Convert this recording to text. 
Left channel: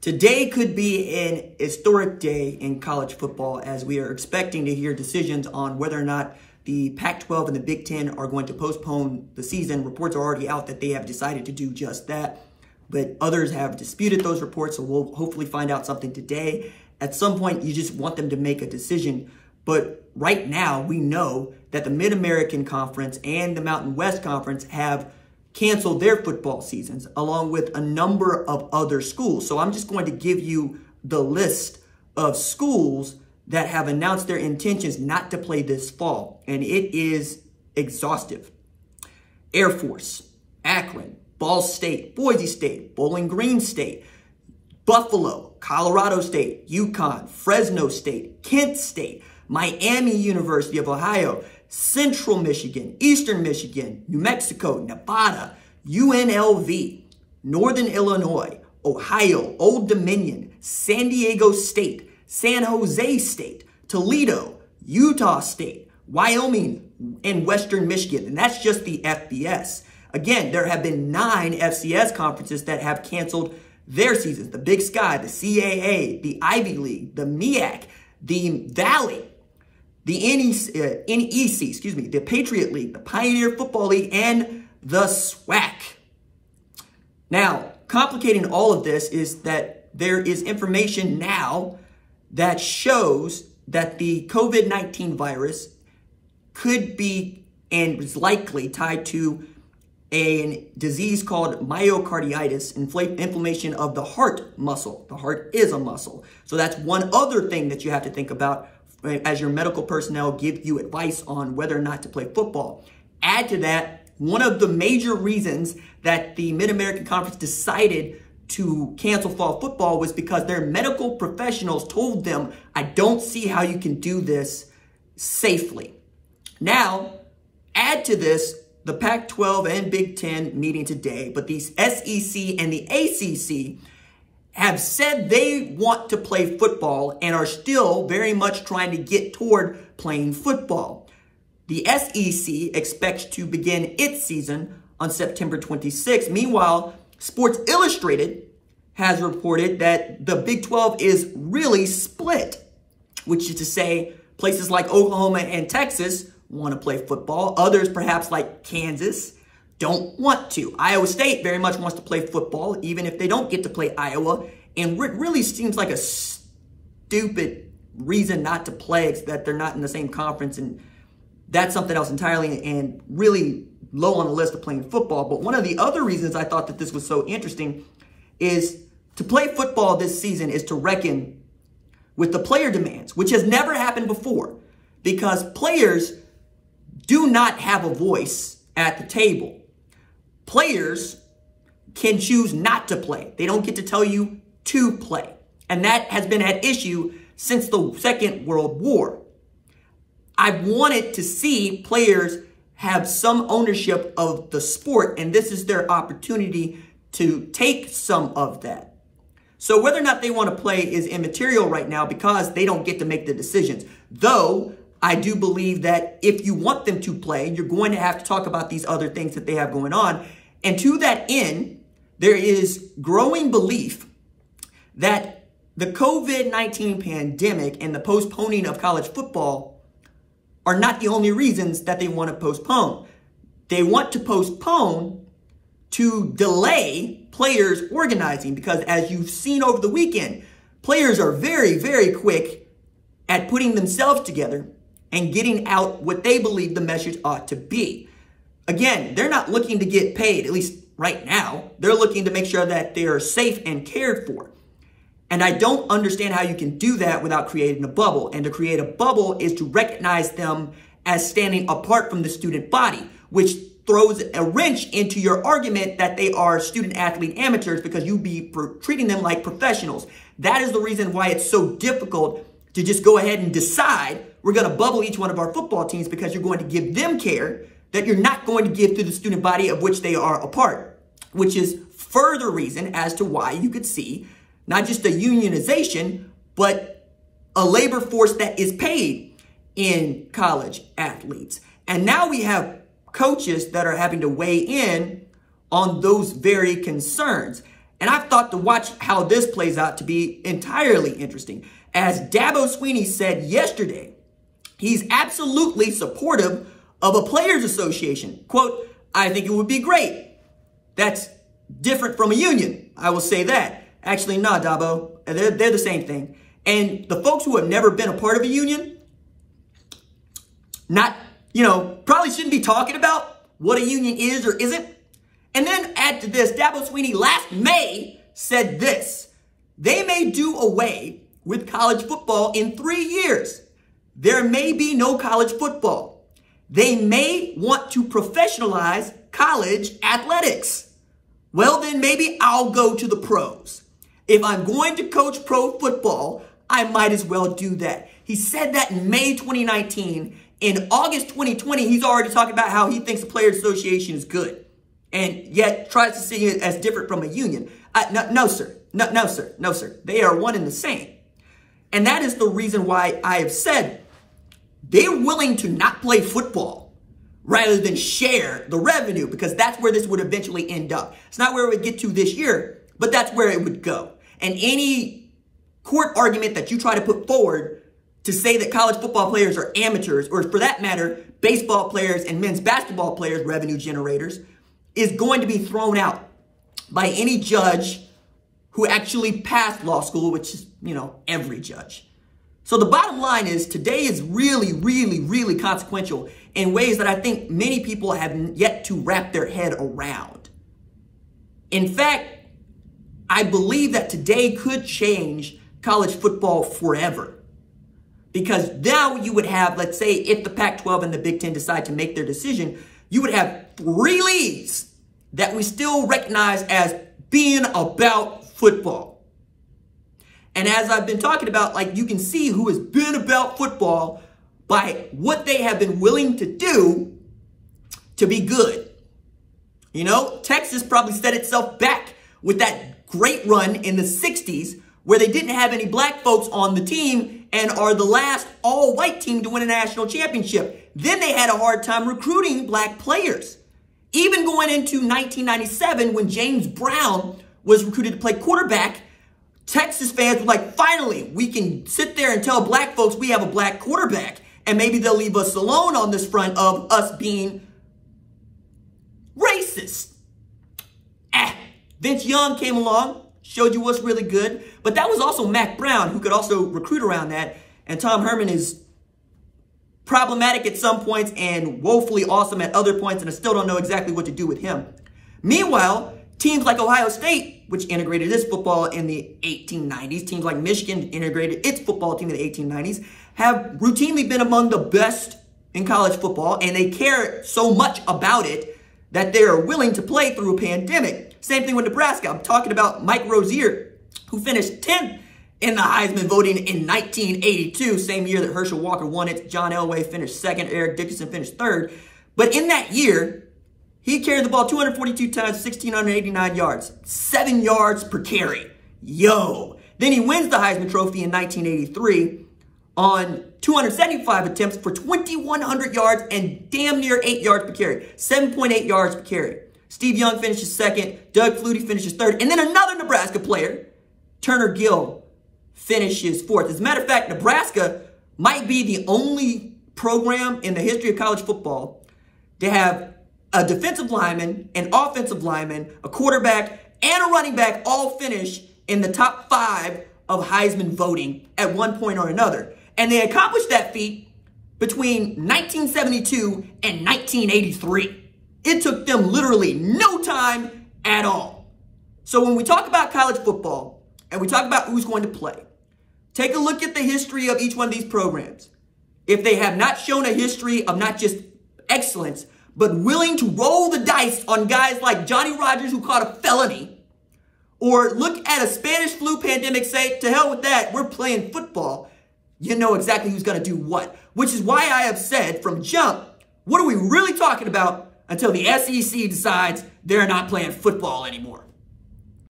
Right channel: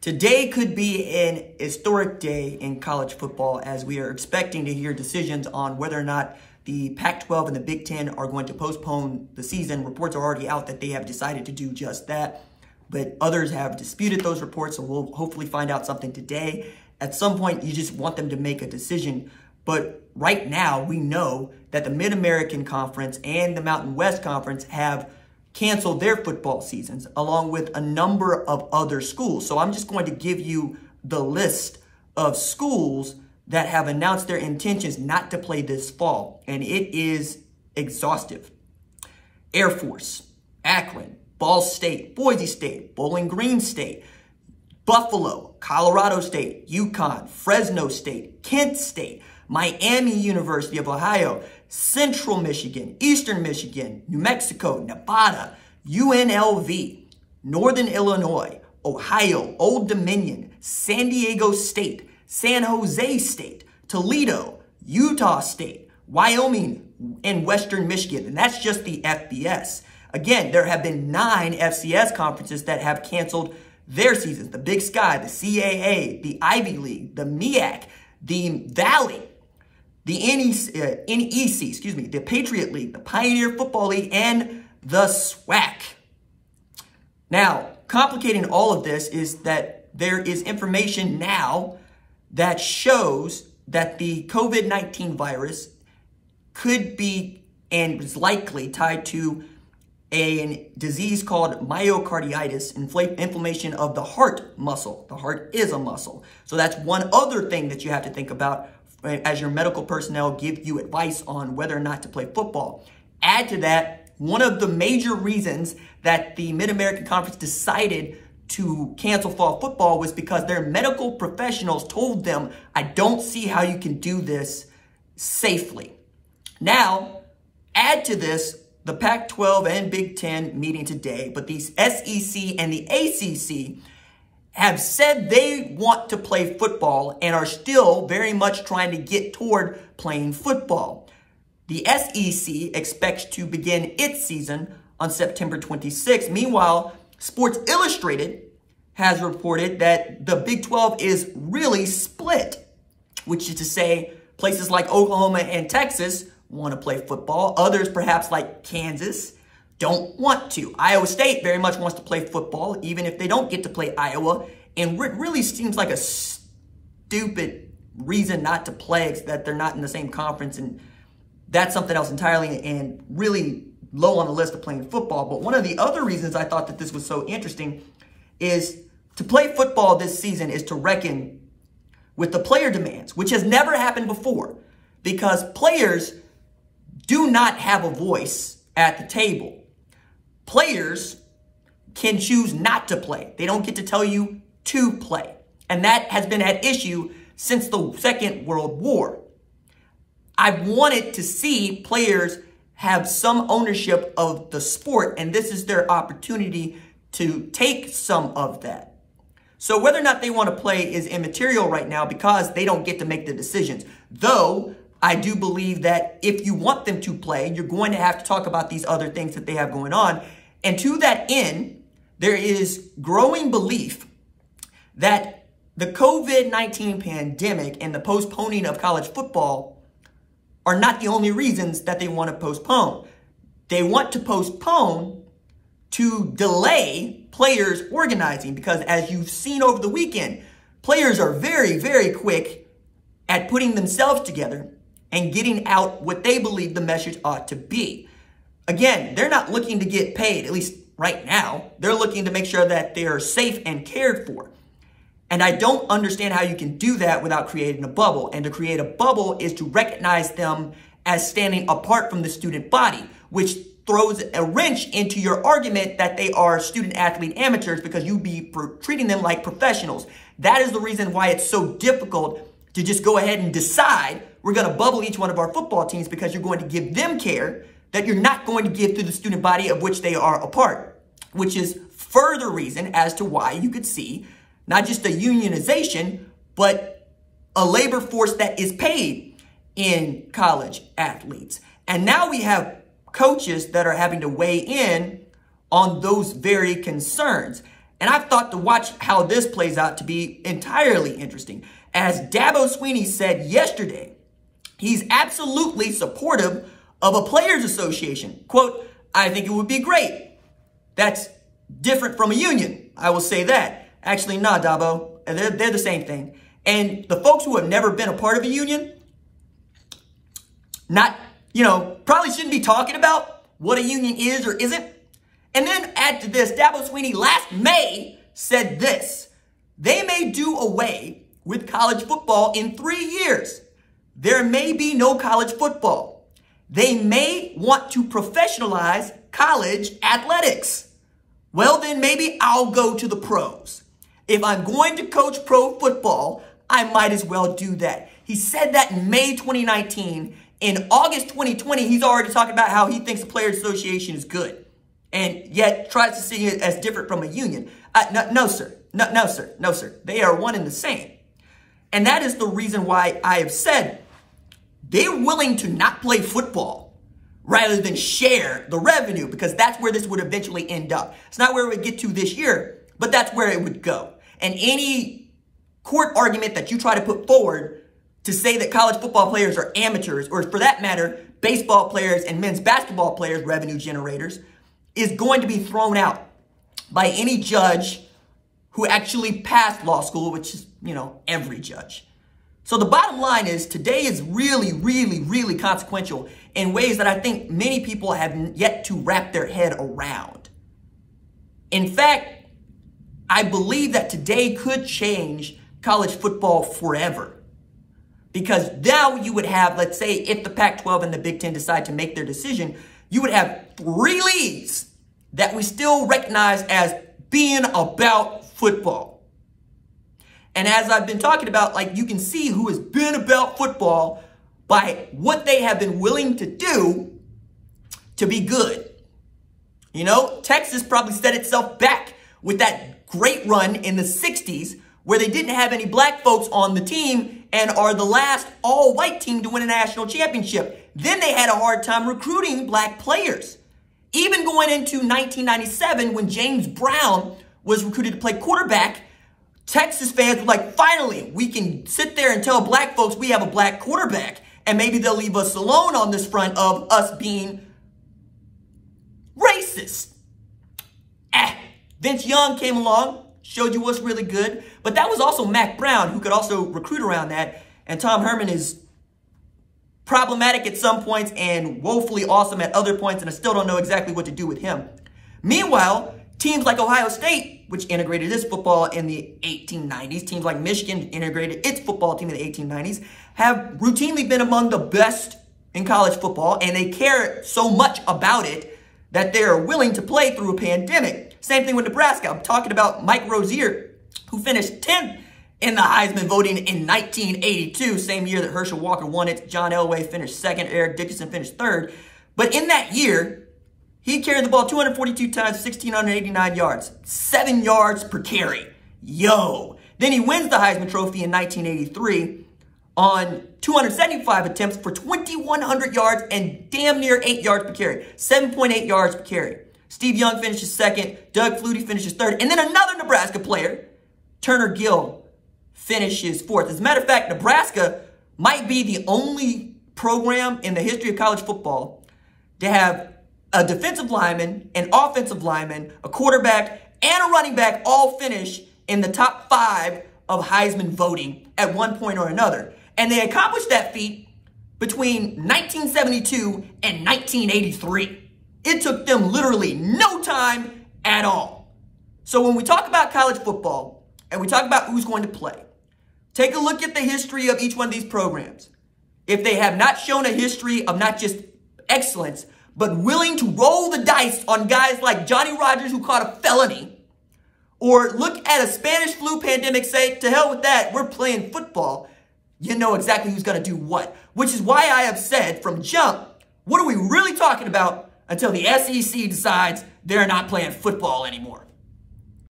Today could be an historic day in college football as we are expecting to hear decisions on whether or not the Pac-12 and the Big Ten are going to postpone the season. Reports are already out that they have decided to do just that, but others have disputed those reports, so we'll hopefully find out something today. At some point, you just want them to make a decision, but right now we know that the Mid-American Conference and the Mountain West Conference have canceled their football seasons, along with a number of other schools. So I'm just going to give you the list of schools that have announced their intentions not to play this fall, and it is exhaustive. Air Force, Akron, Ball State, Boise State, Bowling Green State, Buffalo, Colorado State, UConn, Fresno State, Kent State, Miami University of Ohio, Central Michigan, Eastern Michigan, New Mexico, Nevada, UNLV, Northern Illinois, Ohio, Old Dominion, San Diego State, San Jose State, Toledo, Utah State, Wyoming, and Western Michigan. And that's just the FBS. Again, there have been 9 FCS conferences that have canceled their seasons. The Big Sky, the CAA, the Ivy League, the MEAC, the Valley, the NEC, the Patriot League, the Pioneer Football League, and the SWAC. Now, complicating all of this is that there is information now that shows that the COVID-19 virus could be and is likely tied to a disease called myocarditis, inflammation of the heart muscle. The heart is a muscle. So that's one other thing that you have to think about as your medical personnel give you advice on whether or not to play football. Add to that, one of the major reasons that the Mid-American Conference decided to cancel fall football was because their medical professionals told them, I don't see how you can do this safely. Now, add to this the Pac-12 and Big Ten meeting today, but the SEC and the ACC have said they want to play football and are still very much trying to get toward playing football. The SEC expects to begin its season on September 26th. Meanwhile, Sports Illustrated has reported that the Big 12 is really split, which is to say places like Oklahoma and Texas want to play football. Others, perhaps like Kansas, don't want to. Iowa State very much wants to play football, even if they don't get to play Iowa. And it really seems like a stupid reason not to play, is that they're not in the same conference. And that's something else entirely and really low on the list of playing football. But one of the other reasons I thought that this was so interesting is to play football this season is to reckon with the player demands, which has never happened before, because players do not have a voice at the table. Players can choose not to play. They don't get to tell you to play. And that has been at issue since the Second World War. I wanted to see players have some ownership of the sport, and this is their opportunity to take some of that. So whether or not they want to play is immaterial right now because they don't get to make the decisions. Though I do believe that if you want them to play, you're going to have to talk about these other things that they have going on. And to that end, there is growing belief that the COVID-19 pandemic and the postponing of college football are not the only reasons that they want to postpone. They want to postpone to delay players organizing, because as you've seen over the weekend, players are very, very quick at putting themselves together and getting out what they believe the message ought to be. Again, they're not looking to get paid, at least right now. They're looking to make sure that they are safe and cared for. And I don't understand how you can do that without creating a bubble. And to create a bubble is to recognize them as standing apart from the student body, which throws a wrench into your argument that they are student athlete amateurs, because you be treating them like professionals. That is the reason why it's so difficult to just go ahead and decide we're going to bubble each one of our football teams, because you're going to give them care that you're not going to give to the student body of which they are a part, which is further reason as to why you could see not just a unionization, but a labor force that is paid in college athletes. And now we have coaches that are having to weigh in on those very concerns. And I've thought to watch how this plays out to be entirely interesting. As Dabo Swinney said yesterday, he's absolutely supportive of a players association. Quote, I think it would be great. That's different from a union. I will say that. Actually, nah, Dabo. They're the same thing. And the folks who have never been a part of a union, probably shouldn't be talking about what a union is or isn't. And then add to this, Dabo Swinney last May said this: they may do away with college football in 3 years. There may be no college football. They may want to professionalize college athletics. Well, then maybe I'll go to the pros. If I'm going to coach pro football, I might as well do that. He said that in May 2019. In August 2020, he's already talking about how he thinks the Players Association is good, and yet tries to see it as different from a union. No, sir. No, sir. They are one and the same. And that is the reason why I have said they're willing to not play football rather than share the revenue, because that's where this would eventually end up. It's not where it would get to this year, but that's where it would go. And any court argument that you try to put forward to say that college football players are amateurs, or for that matter, baseball players and men's basketball players, revenue generators, is going to be thrown out by any judge who actually passed law school, which is, every judge. So the bottom line is today is really, really, really consequential in ways that I think many people have yet to wrap their head around. In fact, I believe that today could change college football forever. Because now you would have, let's say, if the Pac-12 and the Big Ten decide to make their decision, you would have 3 leagues that we still recognize as being about football. And as I've been talking about, you can see who has been about football by what they have been willing to do to be good. Texas probably set itself back with that great run in the 60s where they didn't have any black folks on the team and are the last all-white team to win a national championship. Then they had a hard time recruiting black players. Even going into 1997, when James Brown was recruited to play quarterback, Texas fans were like, finally, we can sit there and tell black folks we have a black quarterback, and maybe they'll leave us alone on this front of us being racist. Vince Young came along, showed you what's really good. But that was also Mac Brown, who could also recruit around that. And Tom Herman is problematic at some points and woefully awesome at other points, and I still don't know exactly what to do with him. Meanwhile, teams like Ohio State, which integrated its football in the 1890s, teams like Michigan integrated its football team in the 1890s, have routinely been among the best in college football, and they care so much about it that they are willing to play through a pandemic. Same thing with Nebraska. I'm talking about Mike Rozier, who finished 10th in the Heisman voting in 1982, same year that Herschel Walker won it. John Elway finished second. Eric Dickerson finished third. But in that year, he carried the ball 242 times, 1,689 yards, 7 yards per carry. Yo. Then he wins the Heisman Trophy in 1983 on 275 attempts for 2,100 yards and damn near 8 yards per carry, 7.8 yards per carry. Steve Young finishes second. Doug Flutie finishes third. And then another Nebraska player, Turner Gill, finishes fourth. As a matter of fact, Nebraska might be the only program in the history of college football to have a defensive lineman, an offensive lineman, a quarterback, and a running back all finish in the top 5 of Heisman voting at one point or another. And they accomplished that feat between 1972 and 1983. It took them literally no time at all. So when we talk about college football and we talk about who's going to play, take a look at the history of each one of these programs. If they have not shown a history of not just excellence, but willing to roll the dice on guys like Johnny Rodgers, who caught a felony, or look at a Spanish flu pandemic, say, to hell with that, we're playing football, you know exactly who's going to do what. Which is why I have said from jump, what are we really talking about until the SEC decides they're not playing football anymore?